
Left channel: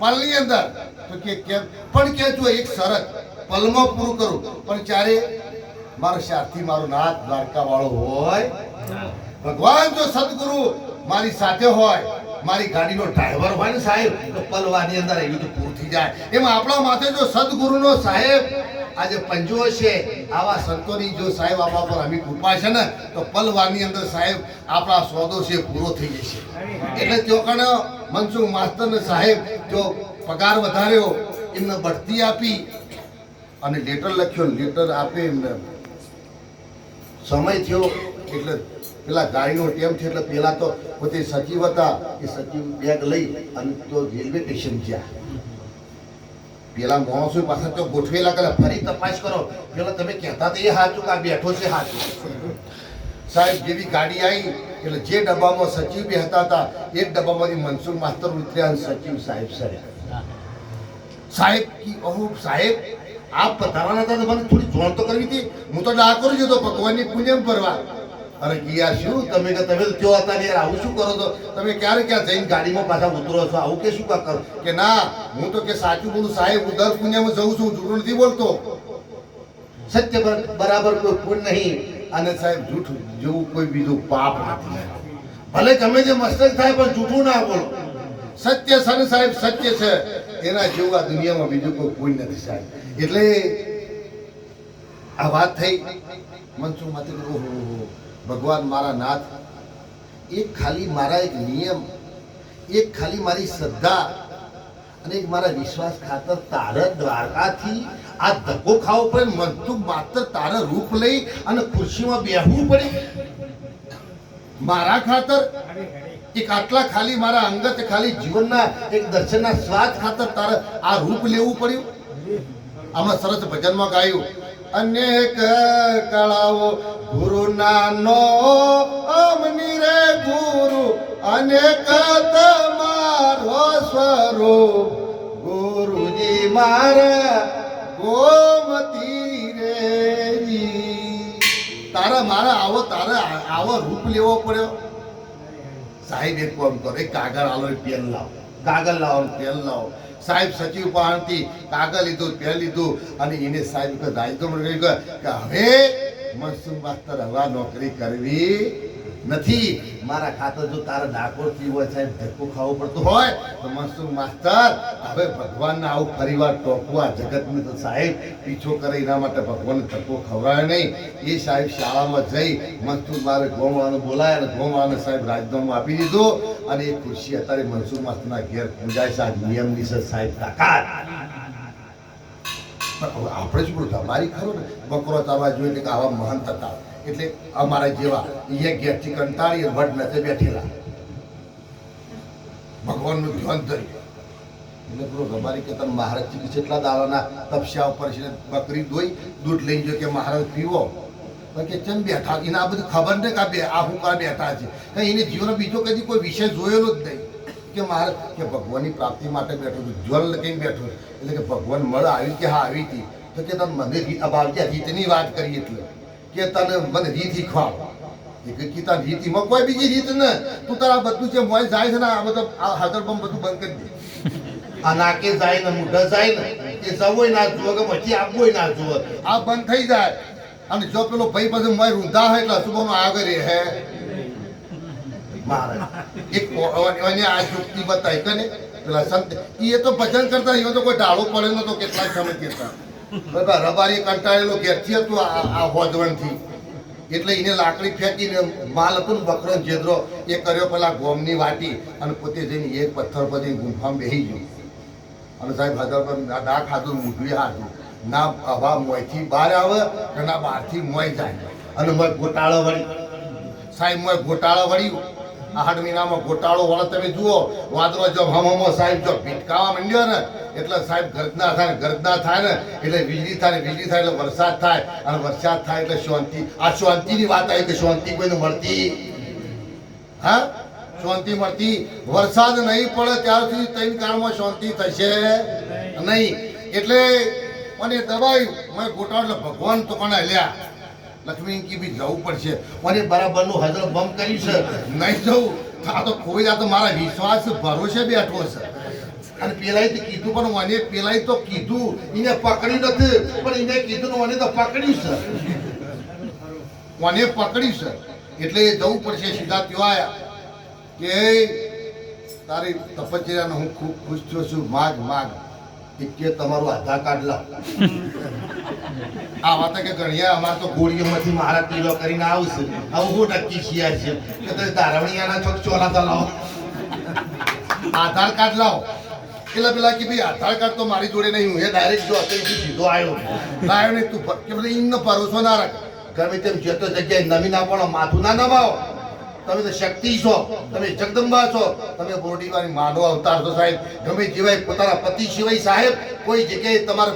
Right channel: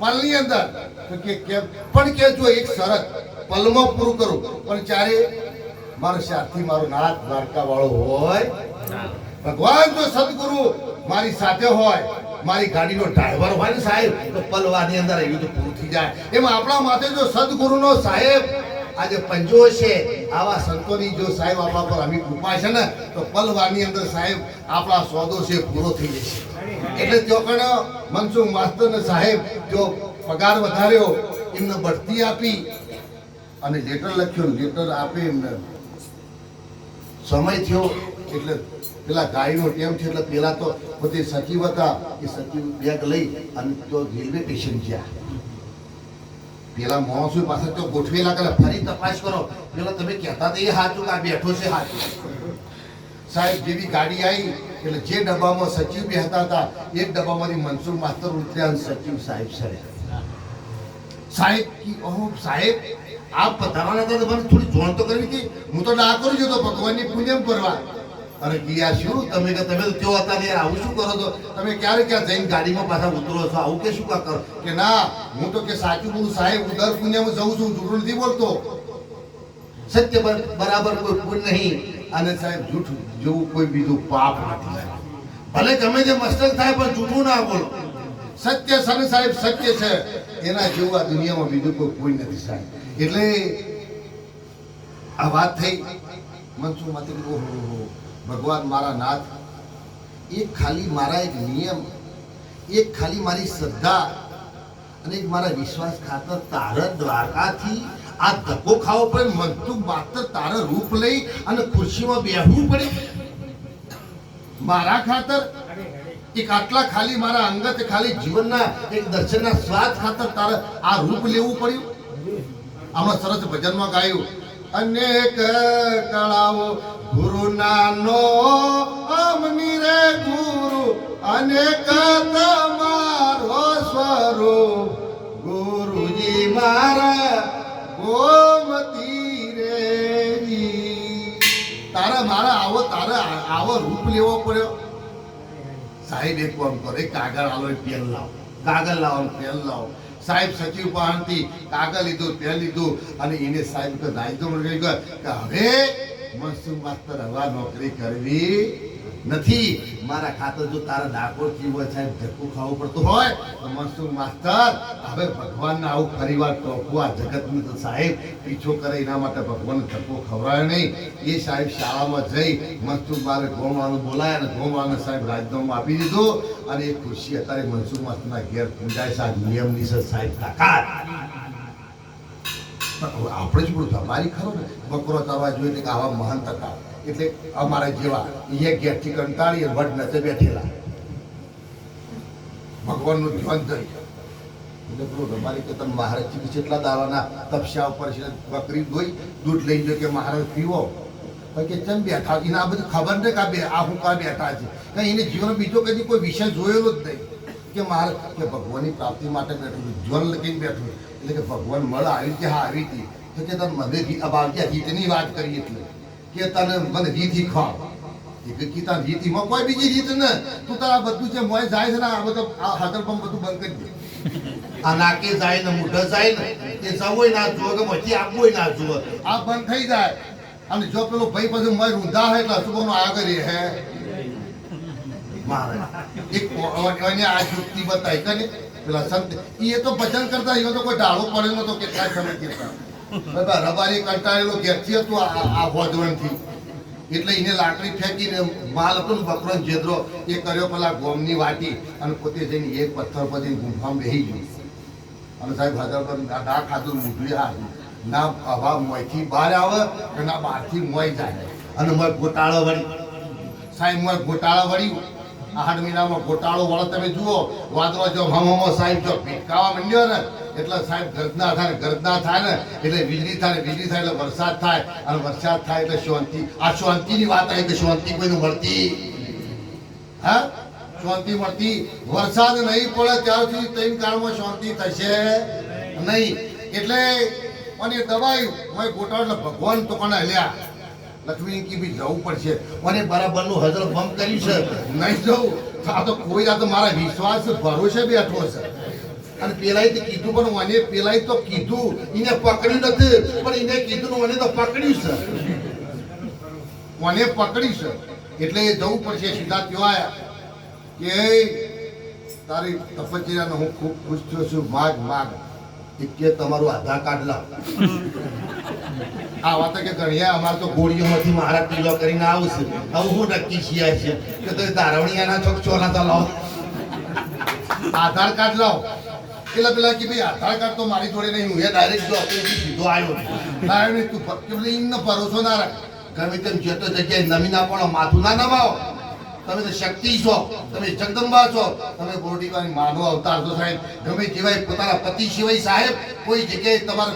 पलની અંદર તો કે પણ કે જો એક શરત પલમાં પૂરું કરું, પણ ચારે મારો સાથી મારો નાથ દ્વારકા વાળો હોય. ભગવાન જો સદગુરુ મારી સાથે હોય, મારી ગાડીનો ડ્રાઈવર હોય ને સાહેબ, તો પલવાની અંદર યુદ્ધ પૂરું થઈ જાય. એમાં આપણા માથે જો સદગુરુનો સાહેબ આજે પંજો છે, આવા સંતોની જો સાહેબ આપણા પર અમી કૃપા છે ને તો પલવાની અંદર સાહેબ આપણા સોદો છે પૂરો થઈ જશે. એટલે ત્યાં કણ મનસુખ માસ્તર ને સાહેબ જો પગાર વધાર્યો, એમને બઢતી આપી અને લેટર લખ્યો. લેટર આપે એમને સમય થયો એટલે પેલા ગાડીનો ટેમ છે એટલે પેલા તો પોતે સચિવ હતા, એ સચિવ બેગ લઈ અને તો રેલવે સ્ટેશન ગયા. પેલા માણસો પાછા તો ગોઠવેલા કરે ફરી તપાસ કરો, પેલા તમે કહેતા એ સાચું કે આ બેઠો છે સાચું. સાહેબ જેવી ગાડી આવી એટલે જે ડબ્બામાં સચિવ બેહતા હતા એ જ ડબ્બામાંથી મનસુખ માસ્તર ઉતર્યા, સચિવ સાહેબ સર્યા. સાહેબ સાહેબ આપ પધારવાના હતા તો મને થોડી જોણ તો કરવી હતી. હું તો ડાકોર જતો ભગવાનની પૂજન કરવા. અરે યાર શું તમે તો ત્યાં હતા ને યાર, આવું શું કરો? તો તમે ક્યારે ક્યાં જઈને ગાડીમાં પાછા ઉતરો છો? આવું કે શું કા કરો? કે ના હું તો કે સાચું બોલું સાહેબ, હું દર પુણ્યમાં જઉં છું, જૂઠું નથી બોલતો. સત્ય બરાબર કોઈ પુણ્ય નહીં અને સાહેબ જૂઠું જેવું કોઈ બીજું પાપ નથી. ભલે ગમે તે મસ્તક થાય પણ જૂઠું ના બોલો. સત્ય સન સાહેબ સત્ય છે, એના જેવું આ દુનિયામાં બીજું કોઈ પુણ્ય નથી સાહેબ. એટલે આ વાત થઈ મનસુખ માંથી. ઓહો ભગવાન મારા નાથ, એક ખાલી મારા એક નિયમ, એક ખાલી મારી શ્રદ્ધા અને એક મારા વિશ્વાસ ખાતર તારે દ્વારકાથી આ ધક્કો ખાવો પડે. મનસુખ માત્ર તારે રૂપ લઈ અને ખુરશીમાં બેહવું પડે મારા ખાતર. એક આટલા ખાલી મારા અંગત ખાલી જીવનના એક દર્શનના સ્વાદ ખાતર તારે આ રૂપ લેવું પડ્યું. હમણાં સરસ ભજનમાં ગાયું, અનેક કળાઓ ગુરુ નાનો અમની રે ગુરુ, અનેક તમારો સ્વરૂપ ગુરુજી મારા ગોમતી રે. તારા મારા આવો રૂપ લેવો પડ્યો. સાહેબ એક કામ કરો, એક કાગળ આલો, પેન લાવો, કાગળ લાવો, પેન લાવો. સાહેબ સચિવ પાસેથી કાગળ લીધું, પેન લીધું અને એને સાહેબ રાજીનામું કે હવે મનસુખ માસ્તર હવે નોકરી કરવી નથી. મારા ખાતર જો તારા ડાકોરથી હોય સાહેબ ધક્કો ખાવો પડતો હોય તો મનસુખ માસ્તર હવે ભગવાનને આવું ફરીવાર ટોકવા જગતનું તો સાહેબ પીછો કરે એના માટે ભગવાનને ધક્કો ખવડાવે નહીં. એ સાહેબ શાળામાં જઈ મનસુખ મારે ગોમાળાને બોલાય અને ગોમાળાને સાહેબ રાજીનામું આપી દીધું અને એ ખુરશી અત્યારે મનસુખ માસ્તરના ઘેર પૂજાય છે. આ નિયમની છે સાહેબ તાકાત. આપણે જ બોલું તમારી ખરો ને બકરો ચાલવા જોઈએ કે આવા મહાન હતા એટલે અમારા જેવા એક ગેરથી કંટાળી વડ નથી બેઠેલા ભગવાનનું ધ્યાન ધરી એટલે પેલો રબારી કે તમે મહારાજજી કેટલા દાવાના તપસ્યા ઉપર છે બકરી દોઈ દૂધ લઈ જો કે મહારાજ પીવો કે ચમ બેઠા એને આ બધી ખબર ને કા બે આ હું કા બેઠા છે કઈ એને જીવન બીજો કદી કોઈ વિષય જોયેલો જ નહીં કે મારે કે ભગવાનની પ્રાપ્તિ માટે બેઠો છું જ્વલ લઈને બેઠો એટલે કે ભગવાન મળ આવી કે હા આવી હતી તો કે તને મને રીતની વાત કરી એટલે કે તને મને રીત શીખવાડ ગીતા રીતિમાં કોઈ બીજી રીત ને તું તારા બધું છે મોય જાય છે ને આ બધું આ હાજર પણ બધું બંધ કરી દે આ નાકે જાય ને મુઢા જાય ને એ જવું ના જુઓ કે પછી આપવું ના જુઓ આ બંધ થઈ જાય અને જો પેલો ભાઈ પછી મોય રૂંધા હે એટલે અશુભનો આગળ હે મહારાજ એક એને આ યુક્તિ બતાવી કે પેલા સંત એ તો ભજન કરતા એ તો કોઈ ઢાળો પડ્યો નતો કેટલાય સમય કહેતા રબારી કંટાળેલો ઘેરથી હતું આ હોદવણથી એટલે એને લાકડી ફેંકીને માલ હતો ને બકરો જેદરો એ કર્યો પેલા ગોમની વાટી અને પોતે જઈને એક પથ્થર પર ગુંફામાં બેસી ગયો અને સાહેબ હજાર પર ડા ખાધું મૂઠું હાથું ના હવા મોયથી બહાર આવે કે ના બહારથી મોય જાય અને મોય ગોટાળો વળી સાહેબ મોય ગોટાળો વળ્યું 8 મહિનામાં ગોટાળો વળે તમે જુઓ વાદળો જો હમો સાહેબ જો ભીટકાવા માંડ્યો ને એટલે સાહેબ ગર્જના થાય ને એટલે વીજળી થાય એટલે વરસાદ થાય અને વરસાદ થાય એટલે શાંતિ આ શાંતિની વાત આવી કે શાંતિ કોઈને મળતી હા શાંતિ મળતી વરસાદ નહીં પડે ત્યાર સુધી 3 કાળમાં શાંતિ થશે નહીં એટલે મને દબાઈ મેં ગોટાળો ભગવાન તો કોને હલ્યા લક્ષ્મી કી બી જવું પડશે મને બરાબરનું હજર બંધ કર્યું છે નહીં જવું આ તો કોઈ આ તો મારા વિશ્વાસ ભરોસે બેઠો છે અને પેલાય તો કીધું પણ મને પેલાય તો કીધું એને પકડ્યું નથી પણ એને કીધું મને તો પકડ્યું છે મને પકડ્યું છે એટલે જવું પડશે સીધા ત્યાં આવ્યા કે તારી તપશ્ચર્યાનો હું ખૂબ ખુશ થયો છું માગ કે તમારું આધાર કાર્ડ લાવ આ વાત કે ગણ્યા અમારે તો ગોળીઓમાંથી મારા કિલો કરીને આવશે આવું હું નક્કી છીએ છે કે તો ધારવણીયાના ચોક ચોરાતા લાવો આધાર કાર્ડ લાવો પેલા કે ભાઈ આધાર કાર્ડ તો મારી જોડે નહીં હું એ ડાયરેક્ટ જો સીધો આવ્યો નહીં તું કે બધું એમનો ભરોસો ના રાખ ગમે તેમ જતો જગ્યાએ નમી ના પડો માથું ના નમાવો તમે તો શક્તિ છો તમે જગદંબા છો તમે બોડીવાળી માનવ અવતાર છો સાહેબ ગમે જેવાય પોતાના પતિ સિવાય સાહેબ કોઈ જગ્યાએ તમારે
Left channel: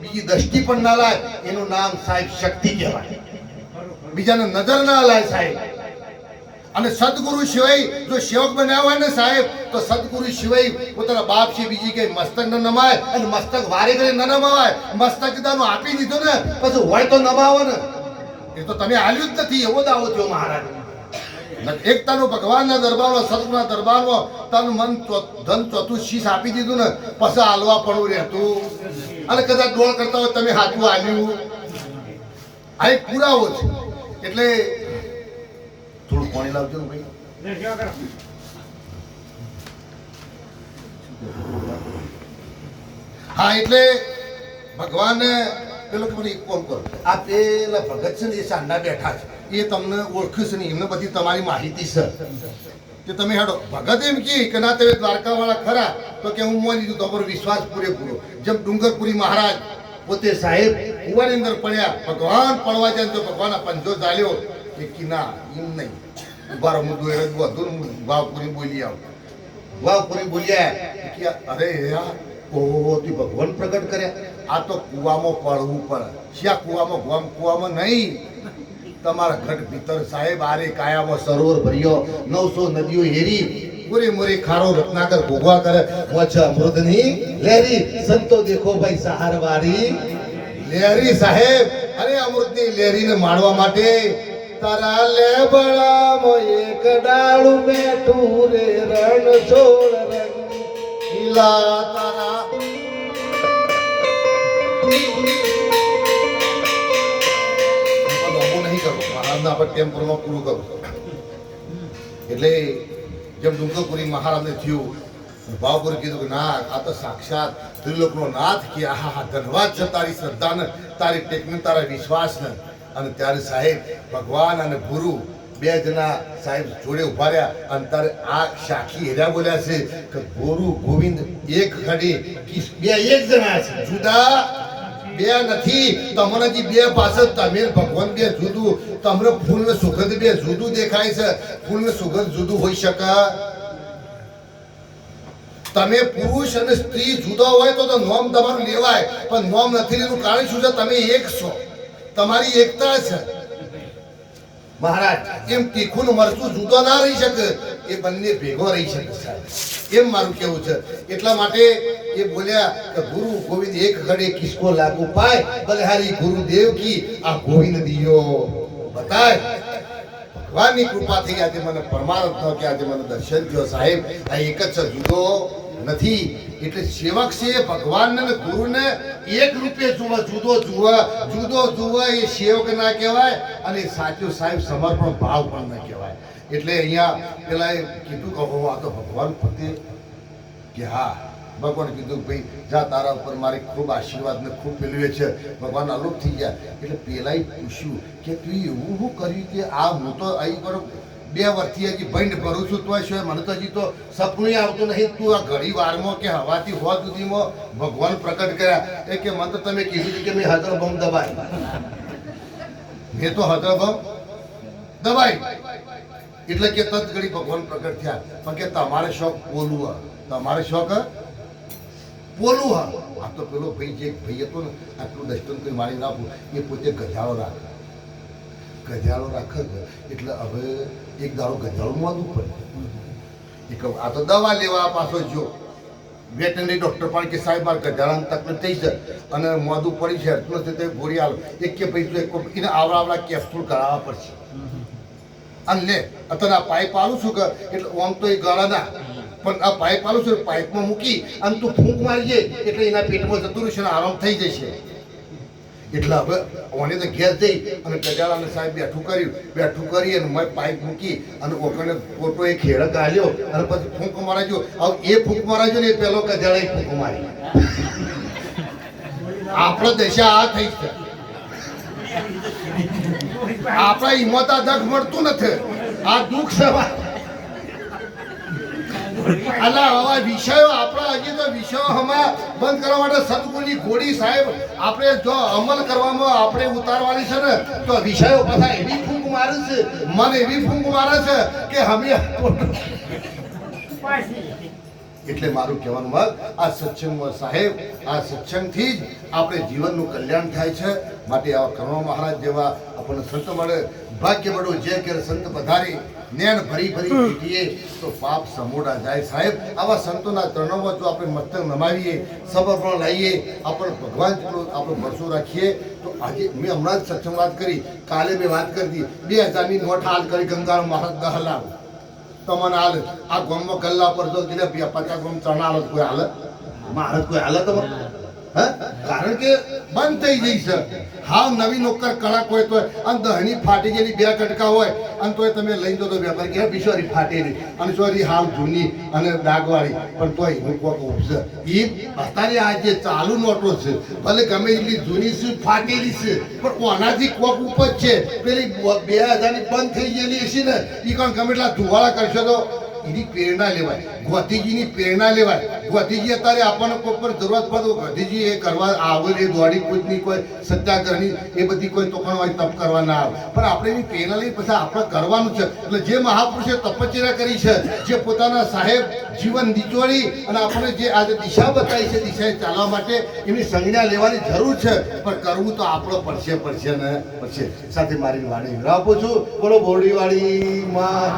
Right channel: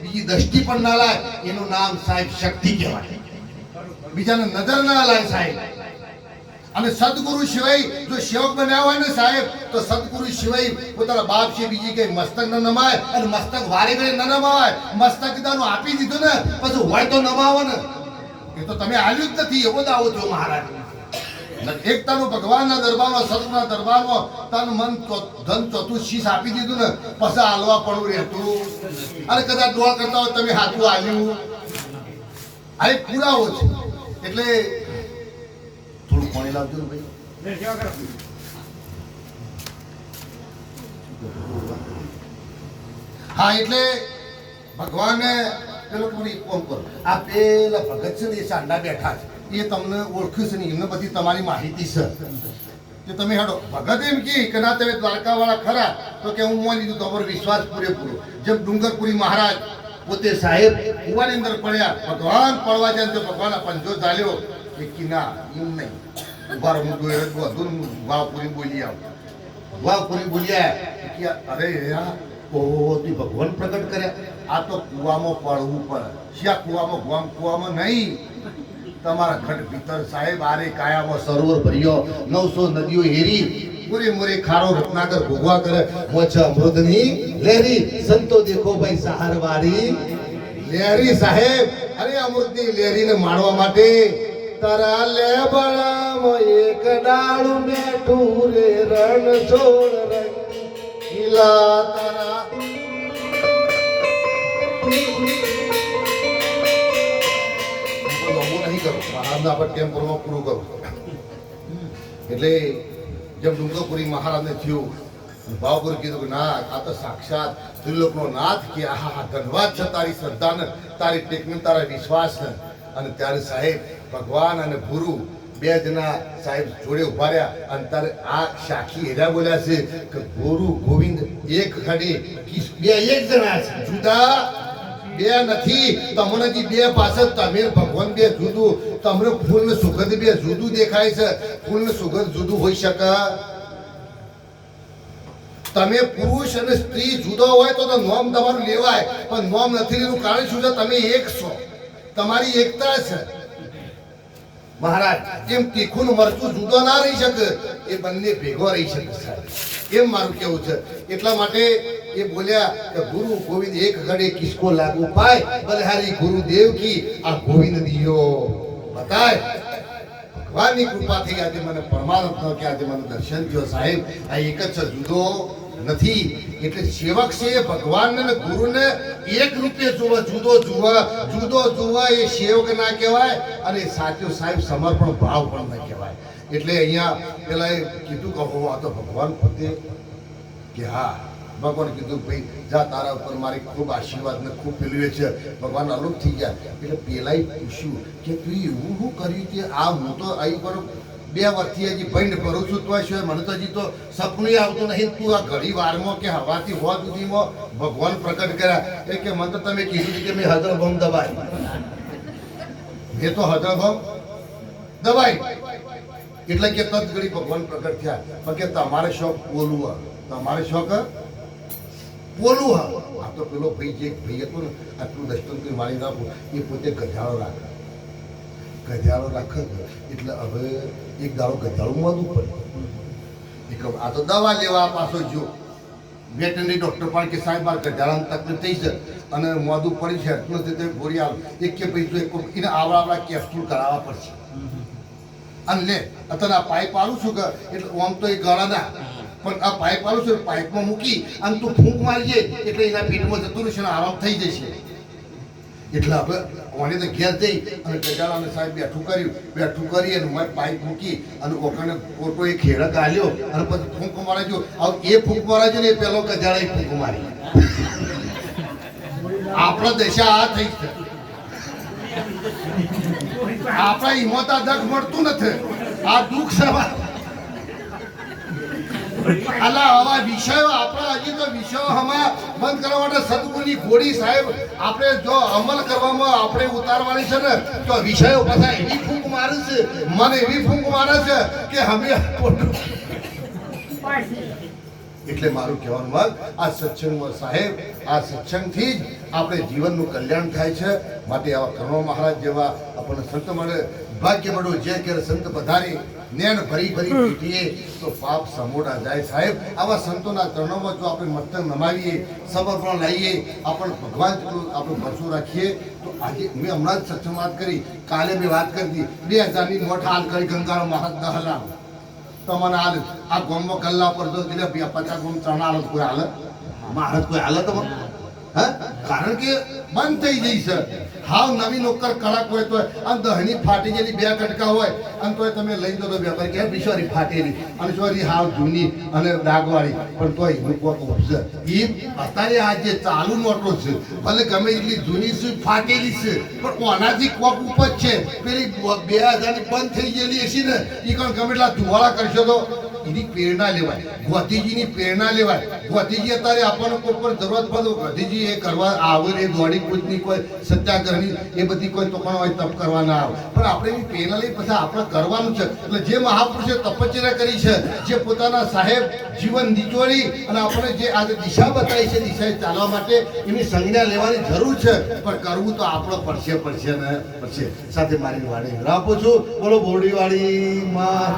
બીજી દ્રષ્ટિ પણ ના લાય એનું નામ સાહેબ શક્તિ કહેવાય બીજાને નજર ના લાય સાહેબ અને સદગુરુ સિવાય જો સેવક બન્યા હોય ને સાહેબ તો સદગુરુ સિવાય પોતાના બાપ છે બીજી કઈ મસ્તક ન નમાય અને મસ્તક વારે ઘરે ન નમાવાય મસ્તક દાનું આપી દીધું ને પછી હોય તો નમાવો ને એ તો તમે આલ્યું જ નથી એવો દાવો થયો મહારાજ એકતાનું ભગવાનના દરબારમાં સતના દરબારમાં તન મન ધન ચોથું શીશ આપી દીધું ને પછી હાલવા પડવું રહેતું અને કદાચ દોડ કરતા હોય તમે હાથું હાલ્યું આ એક પુરાવો છે એટલે થોડું પાણી લાવજો ને ભાઈ હા એટલે ભગવાને પેલો મને એક કોમ કરો આ પેલા ભગત છે ને એ સાંડા બેઠા છે એ તમને ઓળખ્યું છે નહીં એમને બધી તમારી માહિતી છે કે તમે હેડો ભગત એમ કે ના તમે દ્વારકાવાળા ખરા તો કે હું માની લીધું તમારો વિશ્વાસ પૂરેપૂરો જેમ ડુંગરપુરી મહારાજ પોતે સાહેબ કુવાની અંદર પડ્યા ભગવાન પડવા જાય તો ભગવાનના પંજો ચાલ્યો એ કે ના એમ નહીં ઉભારો હું દોર બધું વાવપુરી બોલી આવું વાવપુરી બોલ્યા કે અરે યાર ઓહો ભગવાન પ્રગટ કર્યા આ તો કુવામાં પડવું પડે શ્યા કુવામાં નહીં તમારા ઘટ ભીતર સાહેબ આરે કાયામાં સરોવર ભર્યો 900 નદીઓ હેરી મોરે મોરે ખારો રત્નાકર ભોગવા કરે મોછ અમૃતની લેરી સંતો દેખો ભાઈ સહારવારી લેરી સાહેબ અરે અમૃતની લેરીને માણવા માટે તારા લેબડામાં એક ડાળું બેઠું રે રણ છોડ રંગીલા તારા નહીં કરું મહારાજને આપણે ટેમ્પોમાં પૂરું કરું એટલે જેમ ડુંગરપુરી મહારાજને થયું ભાવપુરી કીધું કે ના આ તો સાક્ષાત ત્રિલોકનો નાથ કે આહા ધન્યવાદ છે તારી શ્રદ્ધાને તારી ટેકને તારા વિશ્વાસને અને ત્યારે સાહેબ ભગવાન અને ગુરુ બે જણા સાહેબ જોડે ઉભા રહ્યા અને ત્યારે આ સાખી હેરા બોલ્યા છે કે ગુરુ ગોવિંદ એક ખડી બે એક જણા છે જુદા બે નથી તમને બે પાસે તમે ભગવાન બે જુદું તમને ફૂલ ને સુગંધ બે જુદું દેખાય છે ફૂલ ને સુગંધ જુદું હોઈ શકે તમે પુરુષ અને સ્ત્રી જુદો હોય તો નોમ તમારું લેવાય, પણ નોમ નથી એનું કારણ શું છે? તમે એક છો, તમારી એકતા છે. મહારાજ એમ તીખું મરચું જુદો ના રહી શકે, એ બંને ભેગો રહી શકે સાહેબ, એમ મારું કેવું છે. એટલા માટે એ બોલ્યા કે ગુરુ ગોવિંદ એક ઘડે કિસકો લાગુ પાય, બલહારી ગુરુદેવ કી આ ગોવિંદ દિયો બતાય. ભગવાનની કૃપાથી આજે મને પરમાત્મા કે આજે મને દર્શન થયો સાહેબ. આ એક જ છે, જુદો નથી. એટલે સેવક છે એ ભગવાનને ને ગુરુને એક રૂપે જોવા, જુદો જોવા એ સેવક ના કહેવાય, અને સાચું સાહેબ સમર્પણ ભાવ પણ ના કહેવાય. એટલે અહીંયા પેલા એ કીધું કે આ તો ભગવાન પોતે કે હા, ભગવાન કીધું ભાઈ જા, તારા ઉપર મારી ખૂબ આશીર્વાદ ને ખૂબ પેલું છે. ભગવાન અલુપ થઈ ગયા. એટલે પેલાએ પૂછ્યું કે તું એવું શું કર્યું કે આ હું તો અહીં પર 2 વર્ષથી હજી ભંડ કરું છું, તો શું મને તો હજી તો સપનું આવતું નહીં. તું આ ઘડી વારમાં કે હવાથી હોવા સુધીમાં ભગવાન પ્રગટ કર્યા. એ કે મને તો તમે કીધું કે મેં હદળભમ દબાઈ, મેં તો હદળભમ દબાઈ. એટલે કે તત ઘડી ભગવાન પ્રગટ થયા. પણ કે તમારે શોખ બોલવું, તમારે શોખ બોલવું હા. આ તો પેલો ભાઈ જે ભાઈ હતો ને, આટલું દર્શન કરી મારી રાખું, એ પોતે ગજાળો રાખે, એટલે હવે એક દાડો ગજાળું માંદવું પડે. એક આ તો દવા લેવા પાછો જો વેટનરી ડોક્ટર પણ કે સાહેબ આ ગજાળાની તકલીફ થઈ છે અને મોદું પડી છે, એટલું તે ગોળી આલો. એક કે ભાઈ તો એને આવડા કેપ્સ્યુલ કરાવવા પડશે. અને લે અત્યારે આ પાઇપ આલું છું કે એટલે આમ તો એ ગળા ના, પણ આ પાઇપ આલું છું, પાઇપમાં મૂકી અને તું ફૂંક મારીજે એટલે એના પેટમાં જતું રહેશે અને આરામ થઈ જશે. એટલે હવે ઓને તો ઘેર જઈ અને ગજાળાને સાહેબ બેઠું કરી અને મેં પાઇપ મૂકી અને ઓકાને ફોટો એ ખેડક આલ્યો અને પછી ફૂંક મારાજો. હવે એ ફૂંક મારાજો ને એ પેલો ગજાળા ફૂંક મારી. આપણા દશા આ થઈ છે. આપણા હિંમતા દખ મળતું નથી, આ દુઃખ છે. અલા આવા વિષયો આપણા હજી તો વિષયો હમણાં બંધ કરવા માટે સદગુણની ઘોડી સાહેબ આપણે જો અમલ કરવામાં આપણે ઉતારવાની છે ને, તો વિષયો પાછા એવી ફૂંક મારે છે, મને એવી ફૂંક મારે છે કે અમે. એટલે મારું કહેવાનું મત આ સત્સંગમાં સાહેબ, આ સત્સંગથી જ આપણે જીવનનું કલ્યાણ થાય છે. માટે આવા કરુણા મહારાજ જેવા આપણને સંત મળે, ભાગ્ય મળ્યું. જે કે સંત પધારી નેણ ભરી પીટીએ તો પાપ સમોડા જાય સાહેબ. આવા સંતોના ચરણોમાં જો આપણે મસ્તક નમાવીએ, સમર્પણ લાવીએ, આપણે ભગવાન જેટલું આપણું ભરસો રાખીએ, તો આજે મેં હમણાં જ સત્સંગ વાત કરી, કાલે મેં વાત કરી હતી 2000ની નોટ હાલ કરી ગંગાનો મહારાજ 10 લાખ તમને હાલ. આ ગામમાં ગલ્લા પર તો 50 ગામ ત્રણ હાલત કોઈ હાલત મહારાજ કોઈ હાલત હા, કારણ કે બંધ થઈ જઈ છે. હાવ નવી નોકર કડક હોય તો અને દહની ફાટી ગયેલી 2 કટકા હોય અને તોય તમે લઈ દો તો વેપાર કે બિચારી ફાટેલી અને ચોરી હાવ જૂની અને ડાઘવાળી, પણ તોય એનું કોક ઉપજે. એ અત્યારે આ જે ચાલુ નોટો છે, ભલે ગમે એટલી જૂની છે, ફાટેલી છે, પણ ઓનાથી કોક ઉપજ છે. પેલી 2000ની બંધ થઈ ગયેલી હશે ને, એ પણ ગમે એટલા ધુવાળા કરશો તો એની પ્રેરણા લેવાય, ગોધીજીની પ્રેરણા લેવાય. ગોધીજી અત્યારે આપણને કોઈ પણ જરૂરત પડે, ગોધીજી એ કરવા આવે એ દોડી કૂદની કોઈ સત્યાગ્રહની એ બધી કોઈ તોકણ હોય તપ કરવા ના આવે, પણ આપણે એની પ્રેરણા લઈ પછી આપણે કરવાનું છે. એટલે જે મહાપુરુષે તપશ્ચર્યા કરી છે, જે પોતાના સાહેબ જીવન નિચોડી અને આપણે જે આજે દિશા બતાવી છે, દિશાએ ચાલવા માટે એની સંજ્ઞા લેવાની જરૂર છે, પણ કરવું તો આપણો પડશે ને પડશે. સાથે મારી વાડી આપું છું. બોલો બોરડીવાળી માં.